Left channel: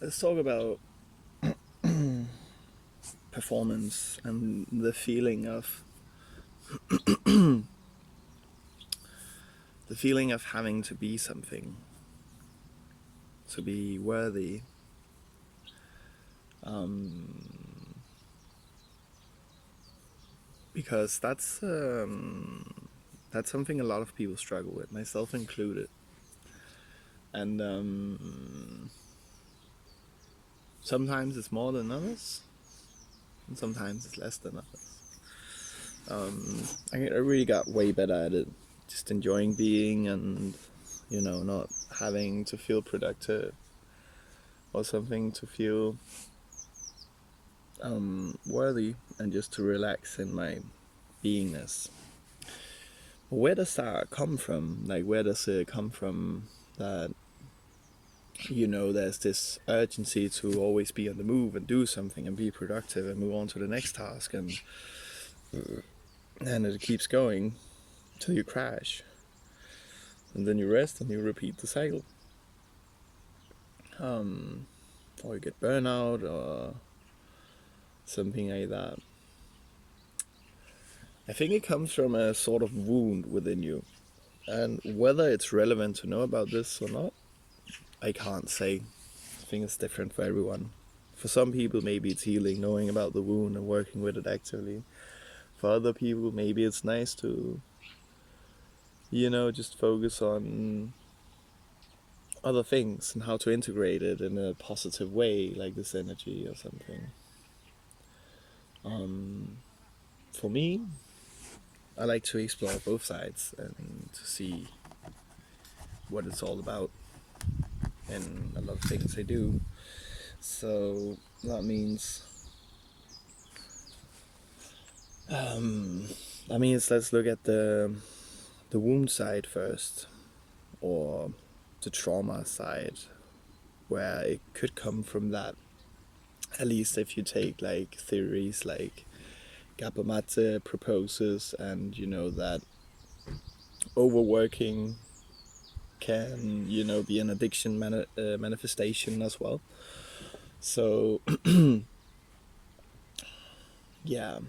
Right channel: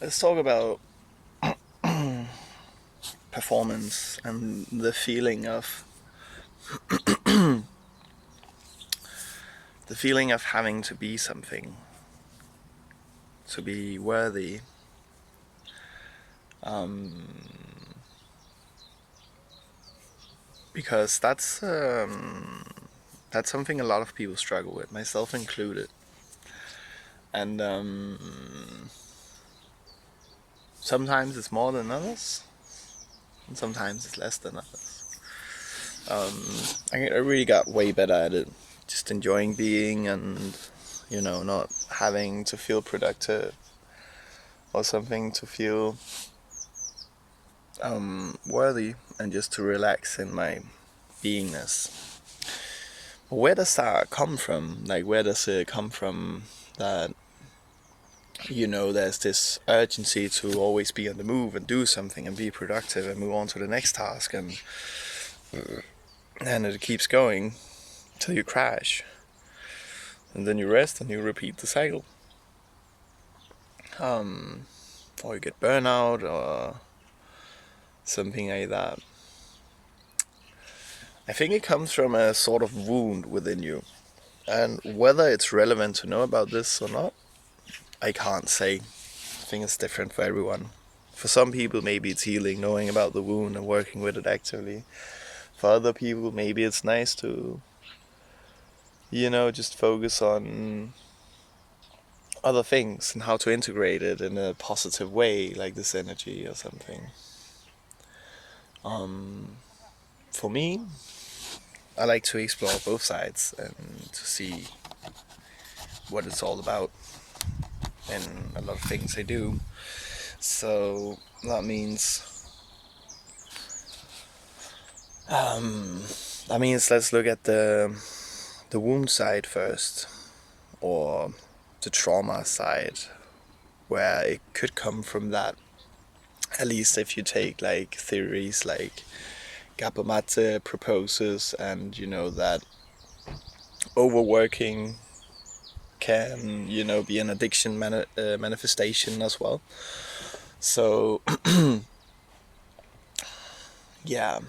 Let's talk about performance and the feeling of having to be something, to be worthy. Because that's something a lot of people struggle with, myself included. And sometimes it's more than others, and sometimes it's less than others. I really got way better at it, just enjoying being, and not having to feel productive or something to feel worthy, and just to relax in my beingness. Where does that come from? Like, where does it come from that there's this urgency to always be on the move and do something and be productive and move on to the next task, and it keeps going till you crash, and then you rest and you repeat the cycle, or you get burnout or something like that. I think it comes from a sort of wound within you, and whether it's relevant to know about this or not, I can't say. I think it's different for everyone. For some people, maybe it's healing, knowing about the wound and working with it actively. For other people, maybe it's nice to, just focus on other things and how to integrate it in a positive way, like this energy or something. For me, I like to explore both sides and to see what it's all about in a lot of things I do. So that means let's look at the wound side first, or the trauma side, where it could come from that. At least if you take like theories like Gabamate proposes, and that overworking can be an addiction manifestation as well. So yeah.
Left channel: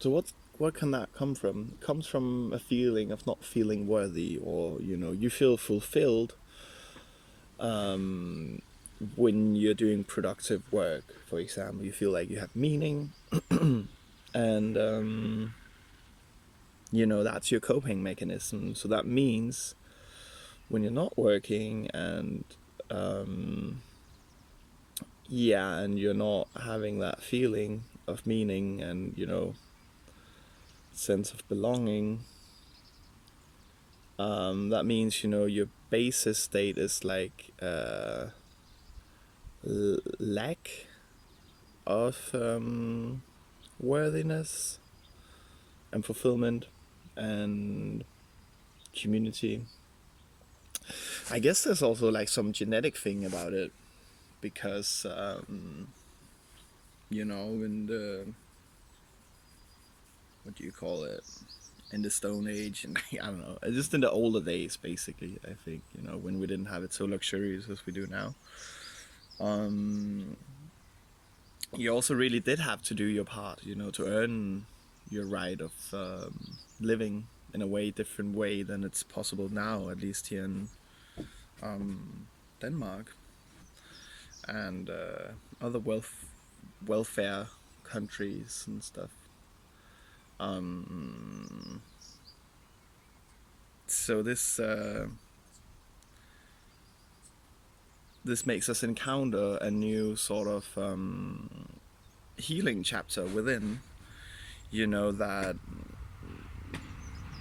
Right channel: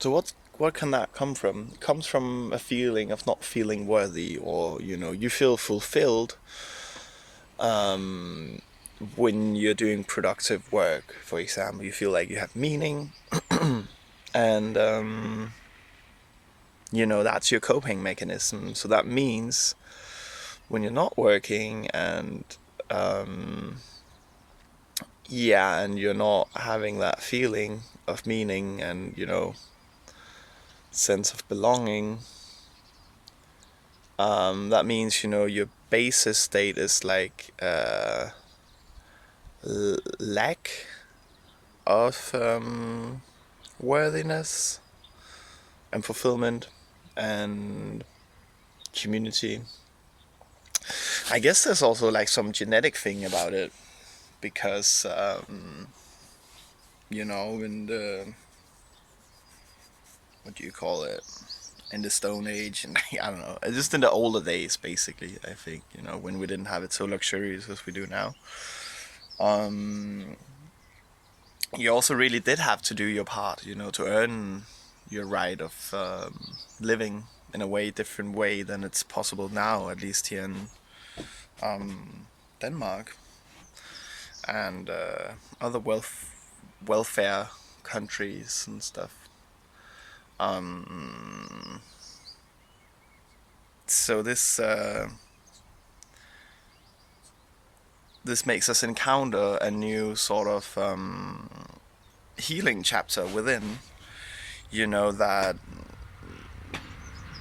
So what can that come from? It comes from a feeling of not feeling worthy, or you feel fulfilled when you're doing productive work. For example, you feel like you have meaning, and that's your coping mechanism. So that means when you're not working, and and you're not having that feeling of meaning and sense of belonging, that means your basis state is like lack of worthiness and fulfillment and community. I guess there's also like some genetic thing about it, because in the, what do you call it, in the Stone Age, and I don't know, just in the older days, basically, I think, when we didn't have it so luxurious as we do now, you also really did have to do your part, to earn your right of living in a way different way than it's possible now, at least here in Denmark and other welfare countries and stuff. So this makes us encounter a new sort of healing chapter within,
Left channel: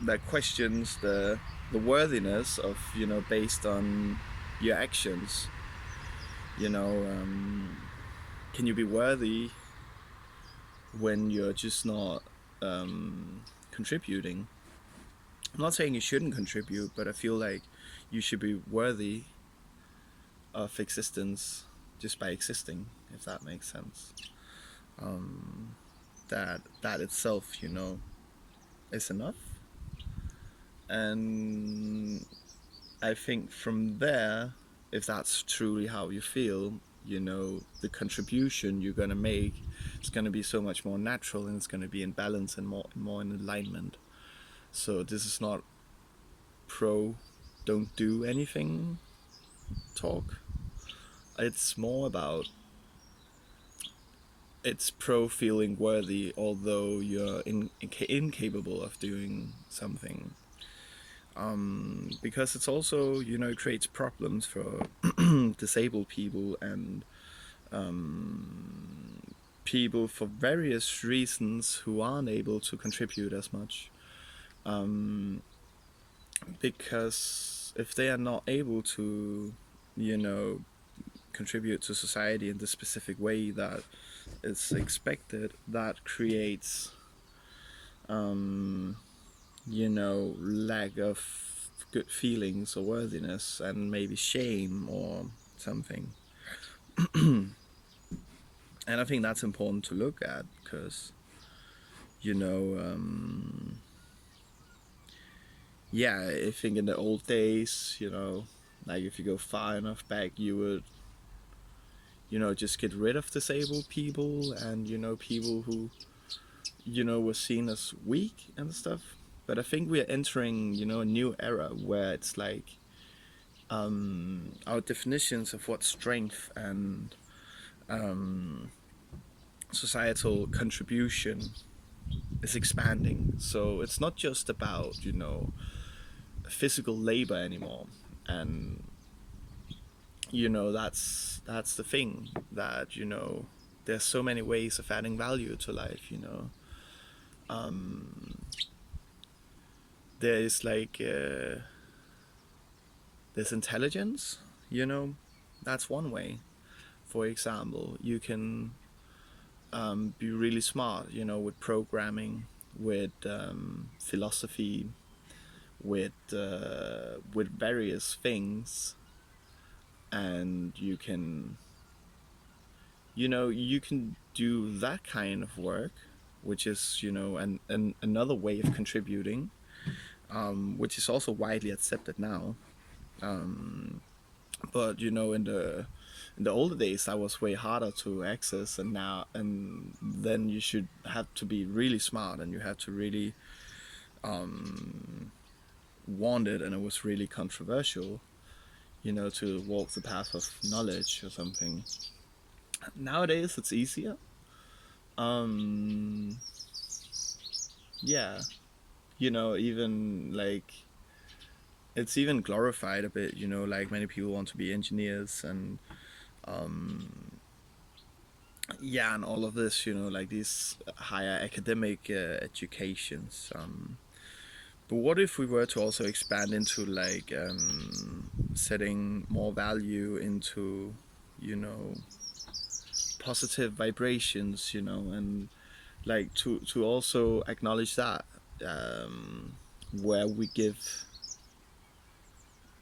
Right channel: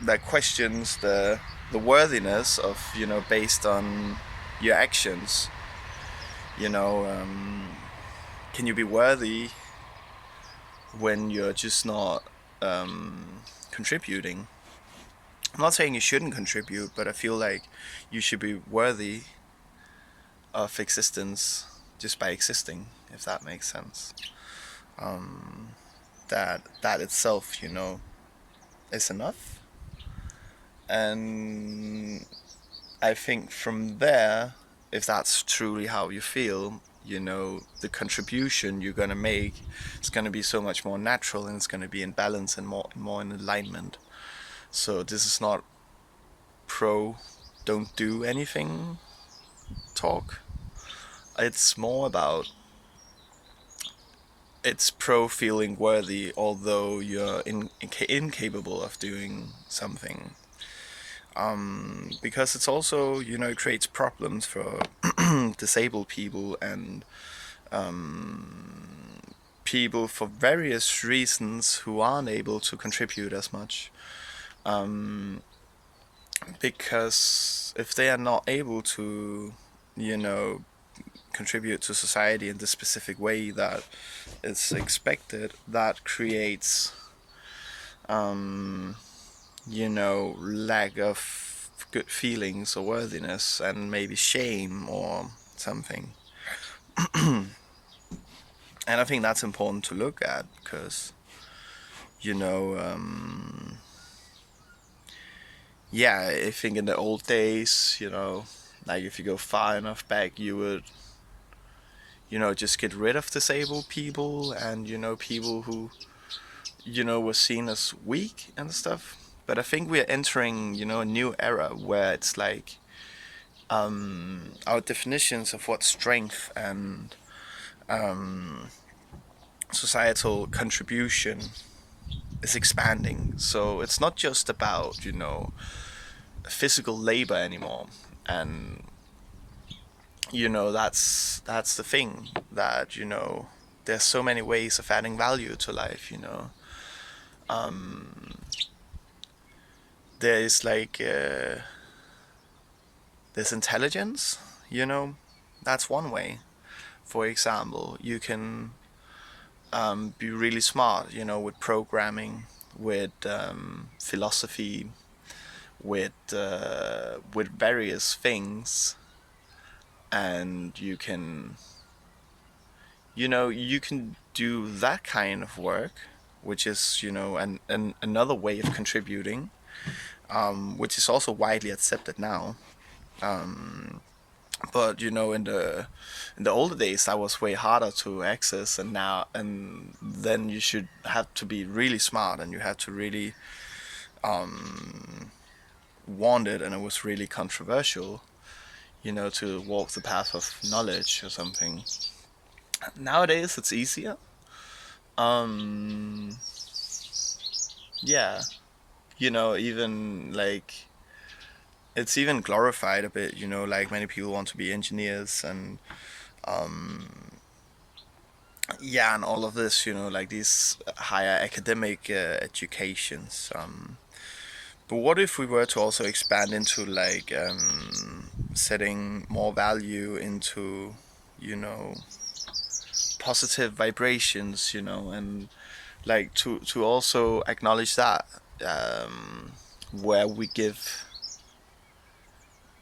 that questions the worthiness of, based on your actions. Can you be worthy when you're just not contributing? I'm not saying you shouldn't contribute, but I feel like you should be worthy of existence just by existing, if that makes sense. That itself, is enough. And I think from there, if that's truly how you feel, the contribution you're gonna make is gonna be so much more natural, and it's gonna be in balance and more in alignment. So this is not pro don't do anything talk. It's more about, it's pro feeling worthy although you're incapable of doing something. Because it's also, it creates problems for disabled people and people for various reasons who aren't able to contribute as much. Because if they are not able to, you know, contribute to society in the specific way that is expected, that creates, lack of good feelings or worthiness and maybe shame or something. And I think that's important to look at because, you know, yeah, I think in the old days, like if you go far enough back, you would, just get rid of disabled people and, people who, were seen as weak and stuff. But I think we're entering, a new era where it's like our definitions of what strength and societal contribution is expanding. So it's not just about, physical labor anymore. And that's the thing, that there's so many ways of adding value to life. There is like there's intelligence. That's one way. For example, you can be really smart, with programming, with philosophy, with various things, and you can do that kind of work, which is another way of contributing, which is also widely accepted now. But in the older days, that was way harder to access, and then you should have to be really smart, and you had to really want it, and it was really controversial, to walk the path of knowledge or something. Nowadays, it's easier. Um, yeah, even like it's even glorified a bit. Like many people want to be engineers and yeah, and all of this. Like these higher academic educations. But what if we were to also expand into like setting more value into, you know, positive vibrations, and like to also acknowledge that, where we give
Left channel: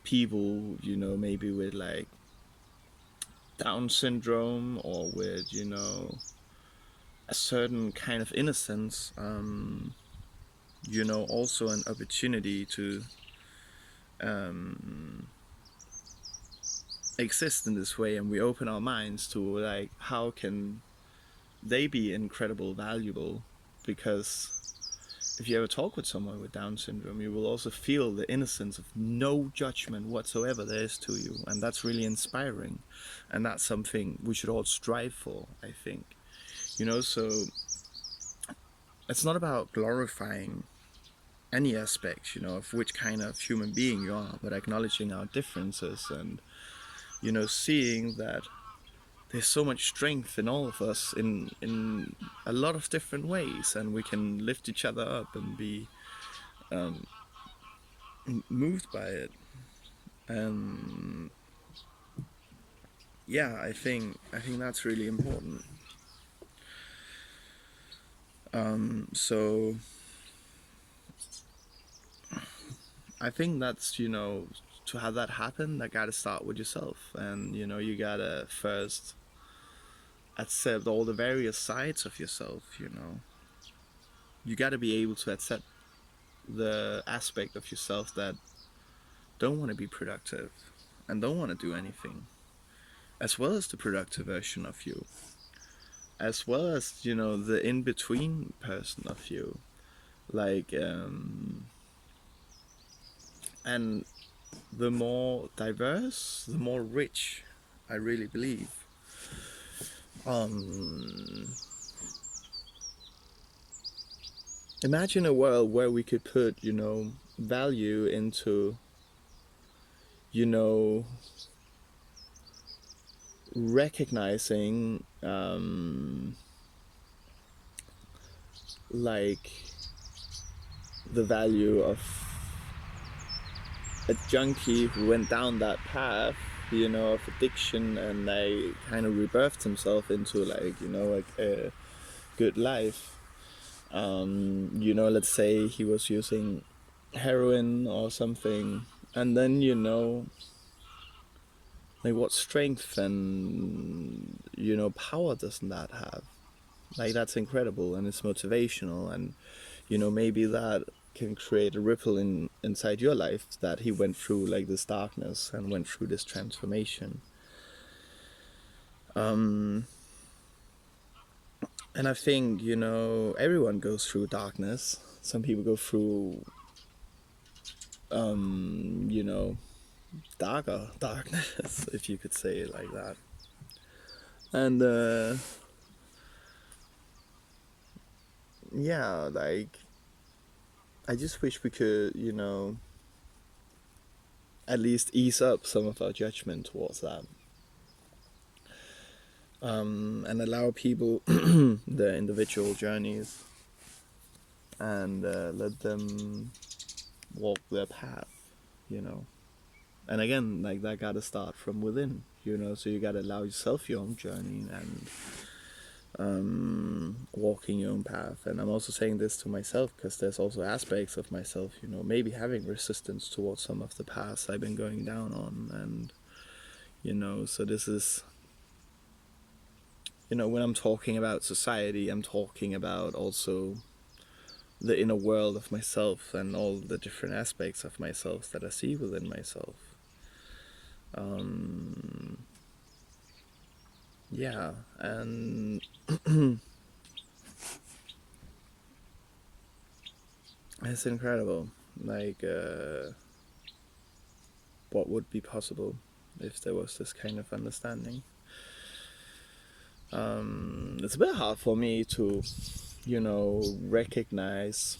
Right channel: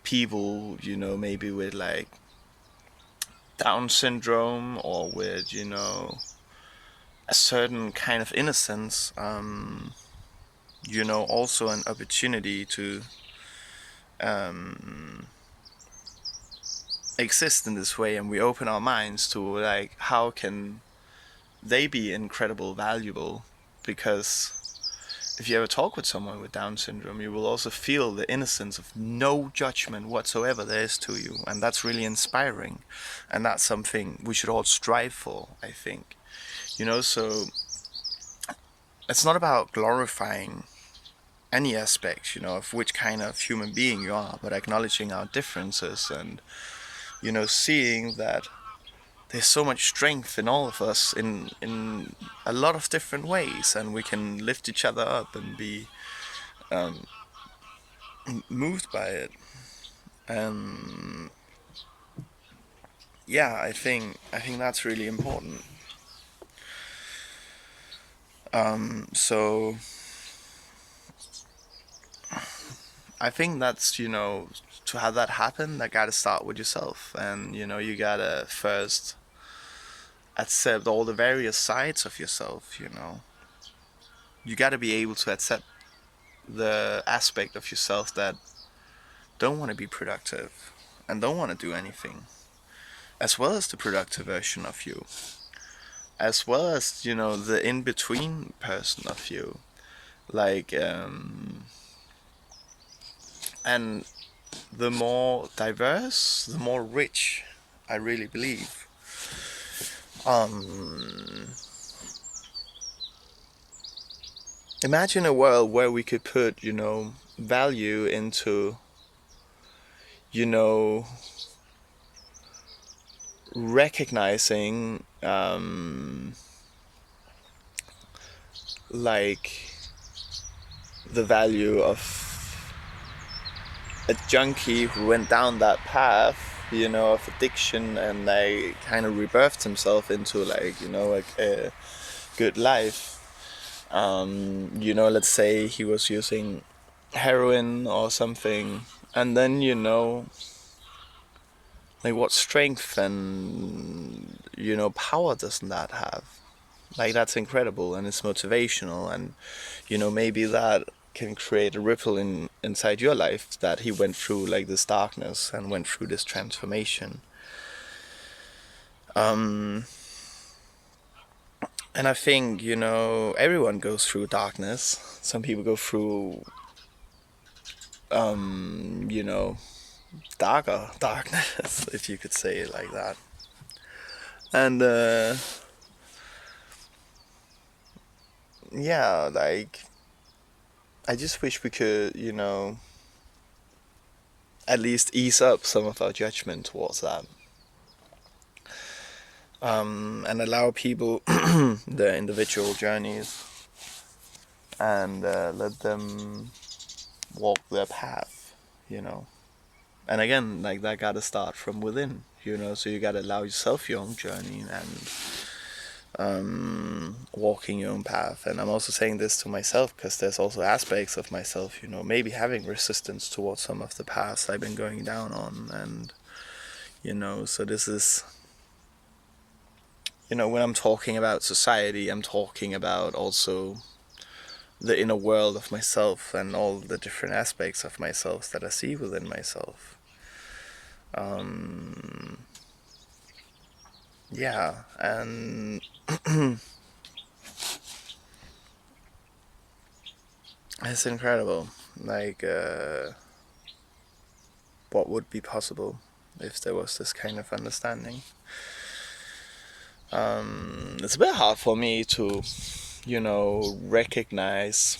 people, maybe with like Down syndrome or with, a certain kind of innocence, also an opportunity to um, exist in this way, and we open our minds to like how can they be incredible valuable, because if you ever talk with someone with Down syndrome, you will also feel the innocence of no judgment whatsoever there is to you, and that's really inspiring, and that's something we should all strive for, I think. So it's not about glorifying any aspect, of which kind of human being you are, but acknowledging our differences and, seeing that there's so much strength in all of us in a lot of different ways, and we can lift each other up and be moved by it. And yeah, I think that's really important. So I think that's, to have that happen, that gotta start with yourself, and you gotta first accept all the various sides of yourself. You gotta be able to accept the aspect of yourself that don't want to be productive and don't want to do anything, as well as the productive version of you, as well as, the in between person of you. Like, and the more diverse, the more rich, I really believe. Um, Imagine a world where we could put, value into, you know, recognizing, like, the value of a junkie who went down that path, of addiction, and like kind of rebirthed himself into, like, a good life. Let's say he was using heroin or something, and then, like, what strength and, power doesn't that have? Like, that's incredible, and it's motivational, and, maybe that can create a ripple inside your life, that he went through like this darkness and went through this transformation. And I think, everyone goes through darkness. Some people go through, darker darkness, if you could say it like that. And yeah, like, I just wish we could, at least ease up some of our judgment towards that. And allow people their individual journeys, and let them walk their path, And again, like, that gotta start from within, so you gotta allow yourself your own journey, and walking your own path. And I'm also saying this to myself because there's also aspects of myself, maybe having resistance towards some of the paths I've been going down on. And, so this is, when I'm talking about society, I'm talking about also the inner world of myself and all the different aspects of myself that I see within myself. Yeah, and it's incredible, like, what would be possible if there was this kind of understanding. It's a bit hard for me to, recognize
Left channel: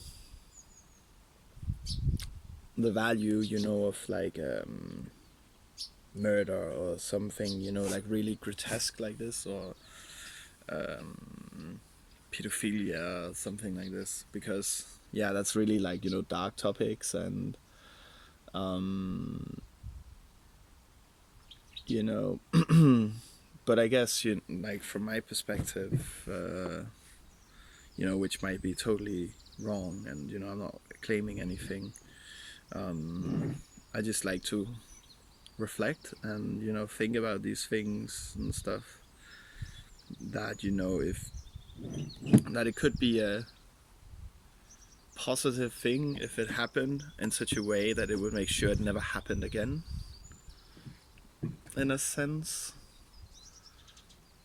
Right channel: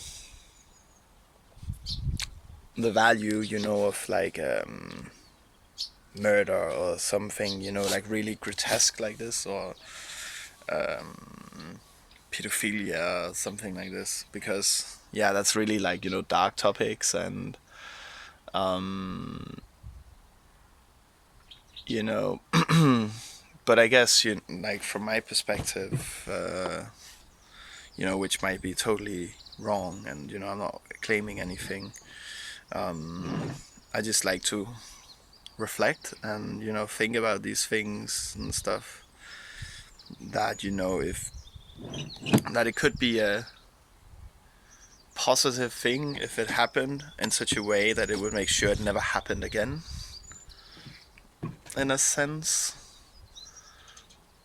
the value, of, like, murder or something, like really grotesque like this, or pedophilia, something like this, because yeah, that's really, like, dark topics. And but I guess, like, from my perspective, which might be totally wrong, and, I'm not claiming anything. I just like to reflect and, think about these things and stuff, that, if that it could be a positive thing if it happened in such a way that it would make sure it never happened again, in a sense.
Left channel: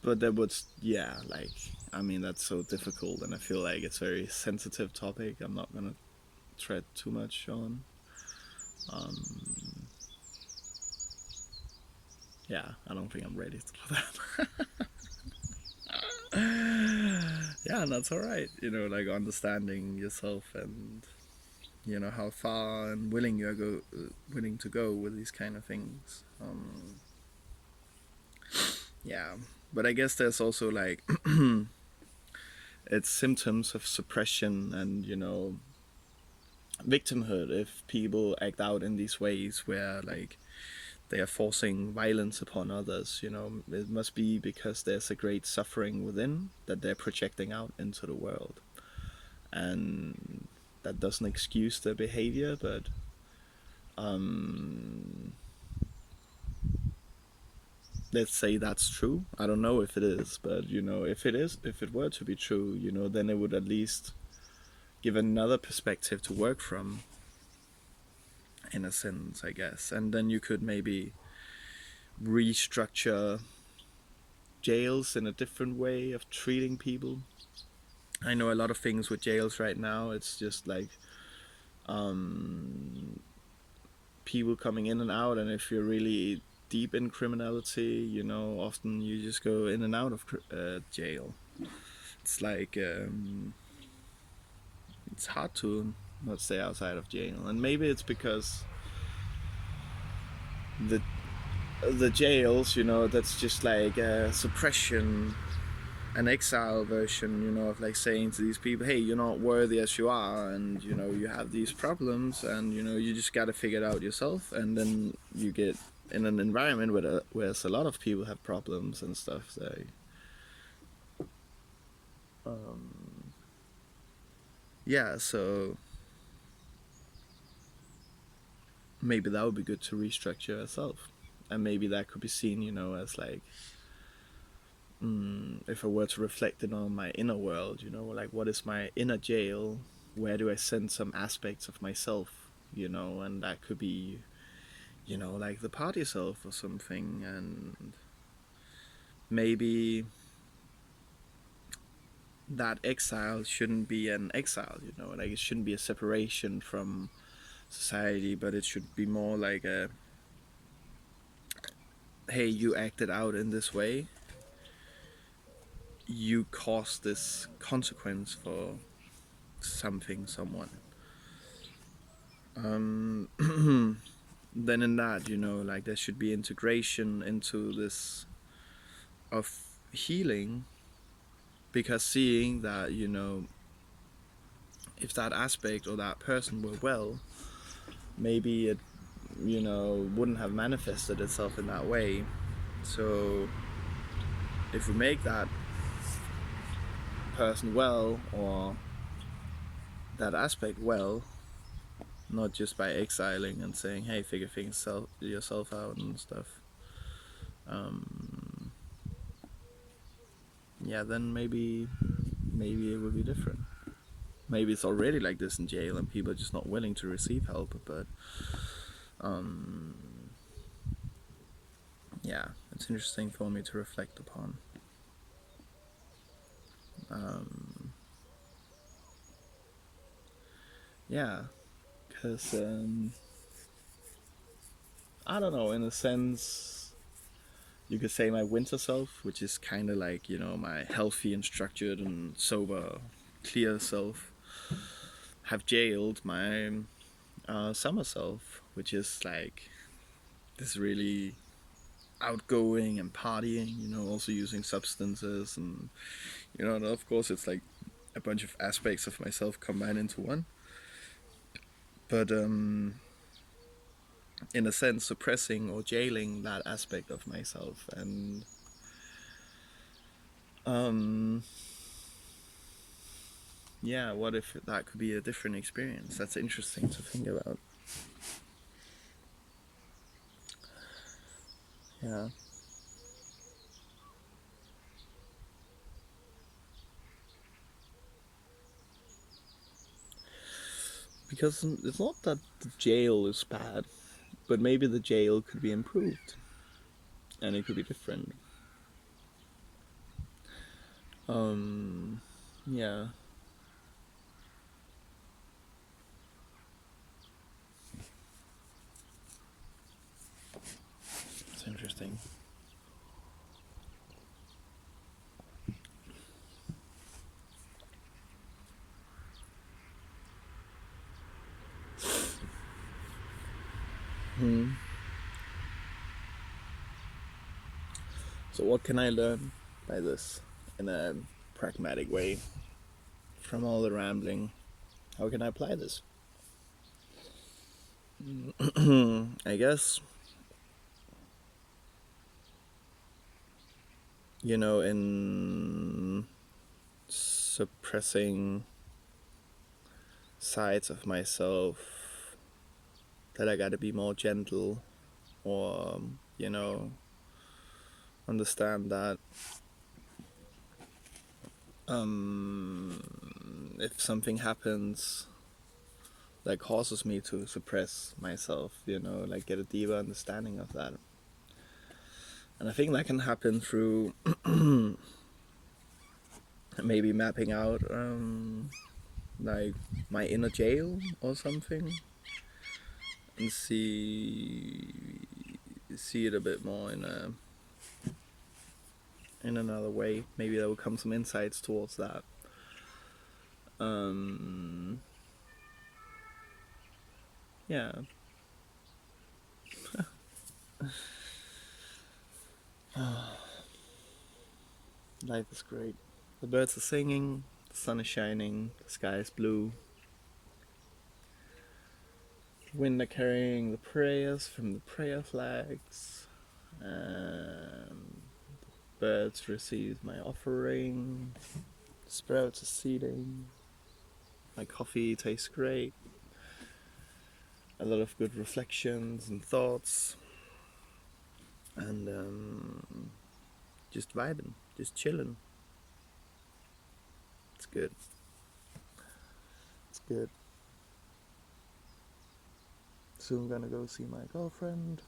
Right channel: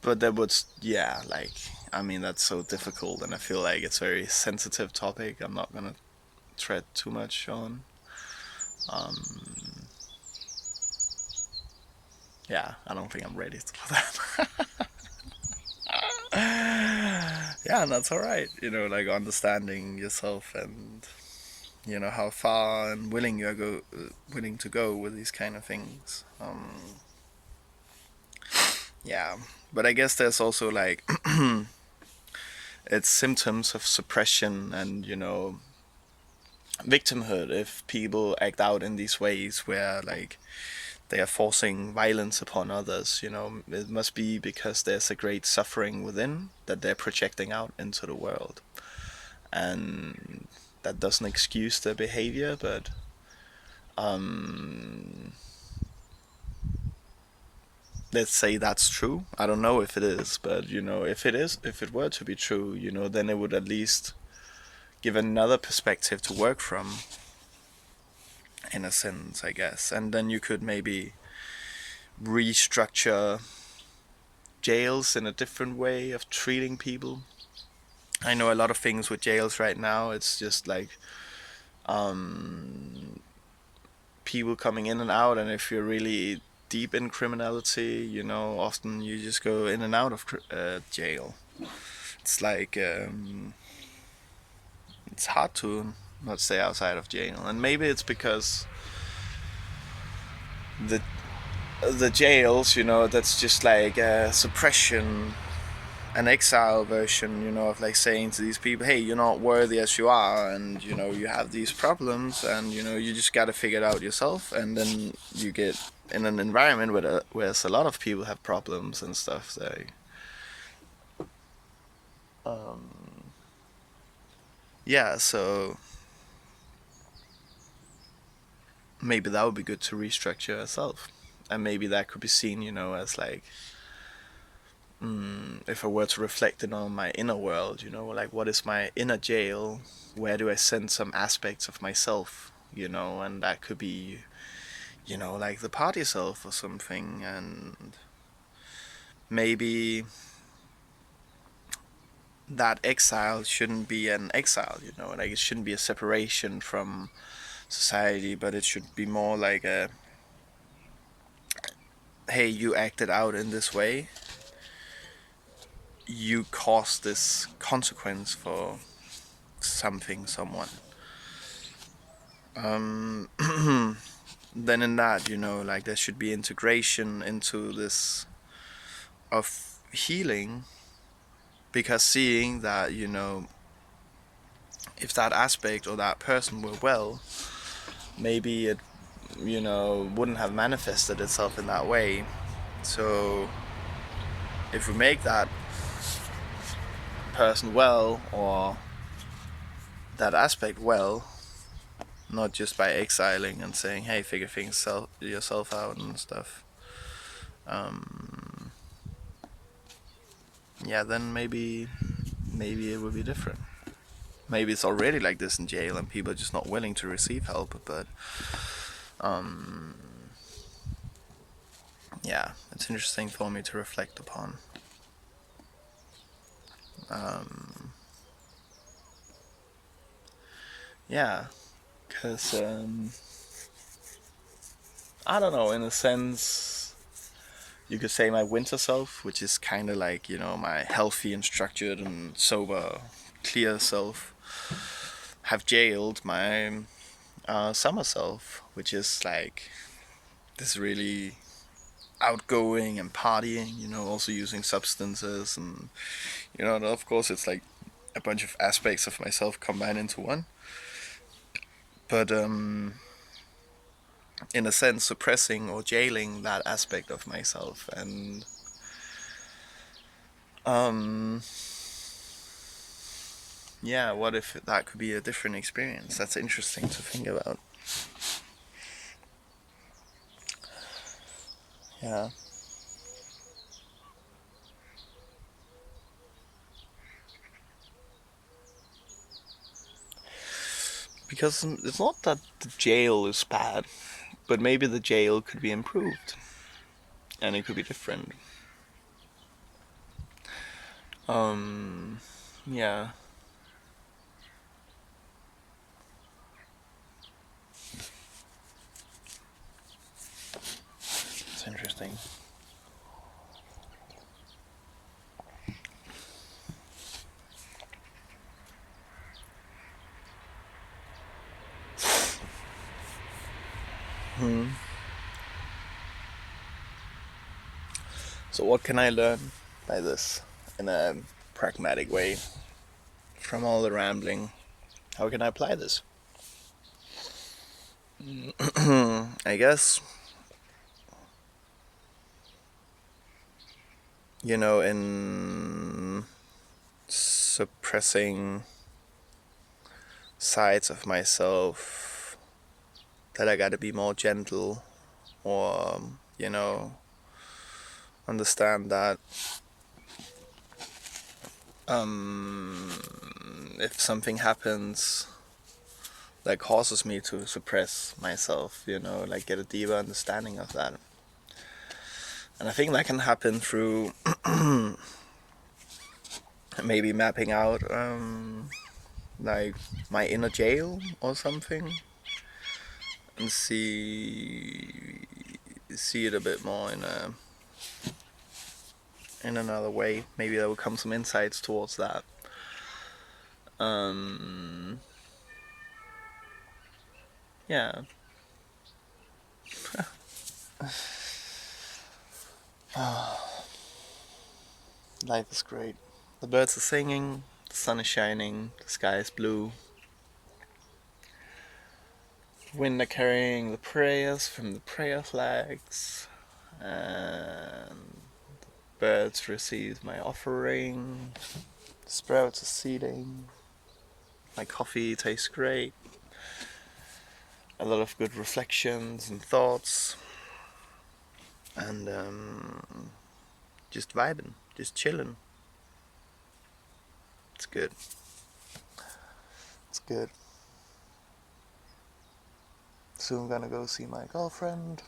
But that would, yeah, like, I mean, that's so difficult, and I feel like it's a very sensitive topic. I'm not gonna tread too much on. Yeah, I don't think I'm ready for that. Yeah, and that's alright, like, understanding yourself, and, how far and willing to go with these kind of things. Yeah, but I guess there's also, like, it's symptoms of suppression and, victimhood if people act out in these ways where, like, they are forcing violence upon others. It must be because there's a great suffering within that they're projecting out into the world, and that doesn't excuse their behavior, but let's say that's true. I don't know if it is, but, if it were to be true, then it would at least give another perspective to work from. in a sense, I guess. And then you could maybe restructure jails in a different way of treating people. I know a lot of things with jails right now. It's just like people coming in and out, and if you're really deep in criminality, often you just go in and out of jail. It's like it's hard to not stay outside of jail, and maybe it's because the jails, that's just like suppression, an exile version, of like saying to these people, hey, you're not worthy as you are, and you have these problems, and you just got to figure it out yourself. And then you get in an environment where a lot of people have problems and stuff. So, yeah, so maybe that would be good to restructure yourself, and maybe that could be seen, as like, if I were to reflect it on my inner world, like what is my inner jail? Where do I send some aspects of myself? And that could be, like the party self or something, and maybe that exile shouldn't be an exile, like it shouldn't be a separation from society, but it should be more like a, hey, you acted out in this way, you caused this consequence for something, someone. Then in that, like there should be integration into this of healing, because seeing that, if that aspect or that person were well, maybe it, wouldn't have manifested itself in that way. So if we make that person well, or that aspect well, not just by exiling and saying, hey, figure things yourself out and stuff, yeah, then maybe it would be different. Maybe it's already like this in jail and people are just not willing to receive help, but yeah, it's interesting for me to reflect upon. Yeah, because I don't know, in a sense, you could say my winter self, which is kind of like, my healthy and structured and sober, clear self, have jailed my summer self, which is like this really outgoing and partying, also using substances, and and of course it's like a bunch of aspects of myself combined into one. But in a sense, suppressing or jailing that aspect of myself, and yeah, what if that could be a different experience? That's interesting to think about. Yeah. Because it's not that the jail is bad, but maybe the jail could be improved and it could be different. Yeah. It's interesting. So what can I learn by this in a pragmatic way from all the rambling? How can I apply this? I guess, in suppressing sides of myself, that I gotta be more gentle, or, understand that if something happens that causes me to suppress myself, like get a deeper understanding of that. And I think that can happen through maybe mapping out like my inner jail or something, and see it a bit more in another way. Maybe there will come some insights towards that. Yeah. Life is great. The birds are singing, the sun is shining, the sky is blue. Wind are carrying the prayers from the prayer flags, and birds receive my offering. The sprouts are seeding. My coffee tastes great. A lot of good reflections and thoughts, and just vibing, just chilling. It's good. It's good. Soon gonna go see my girlfriend.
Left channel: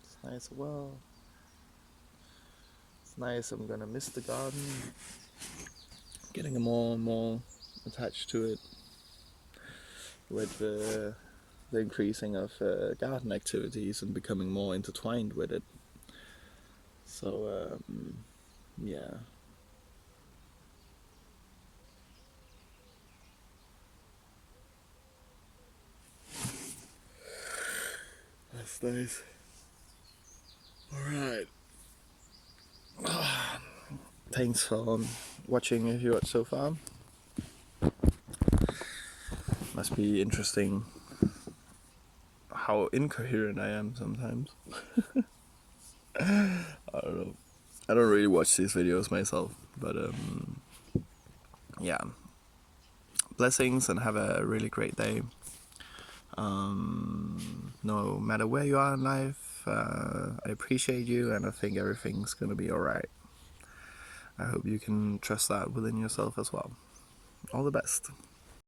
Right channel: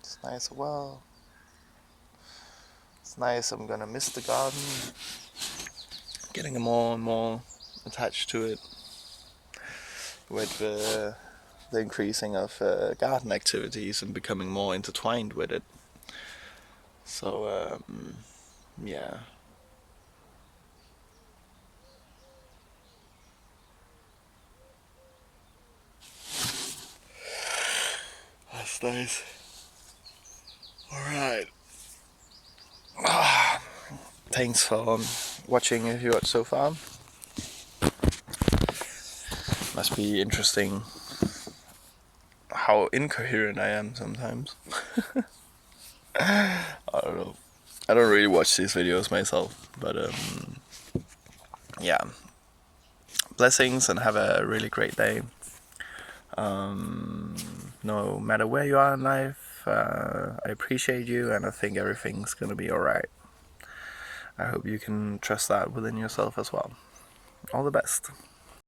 It's nice as well. It's nice. I'm gonna miss the garden. Getting more and more attached to it with the increasing of garden activities and becoming more intertwined with it. So yeah. That's nice. Alright. Thanks for watching if you watched so far. Must be interesting how incoherent I am sometimes. I don't know. I don't really watch these videos myself, but yeah. Blessings and have a really great day. No matter where you are in life, I appreciate you, and I think everything's gonna be alright. I hope you can trust that within yourself as well. All the best.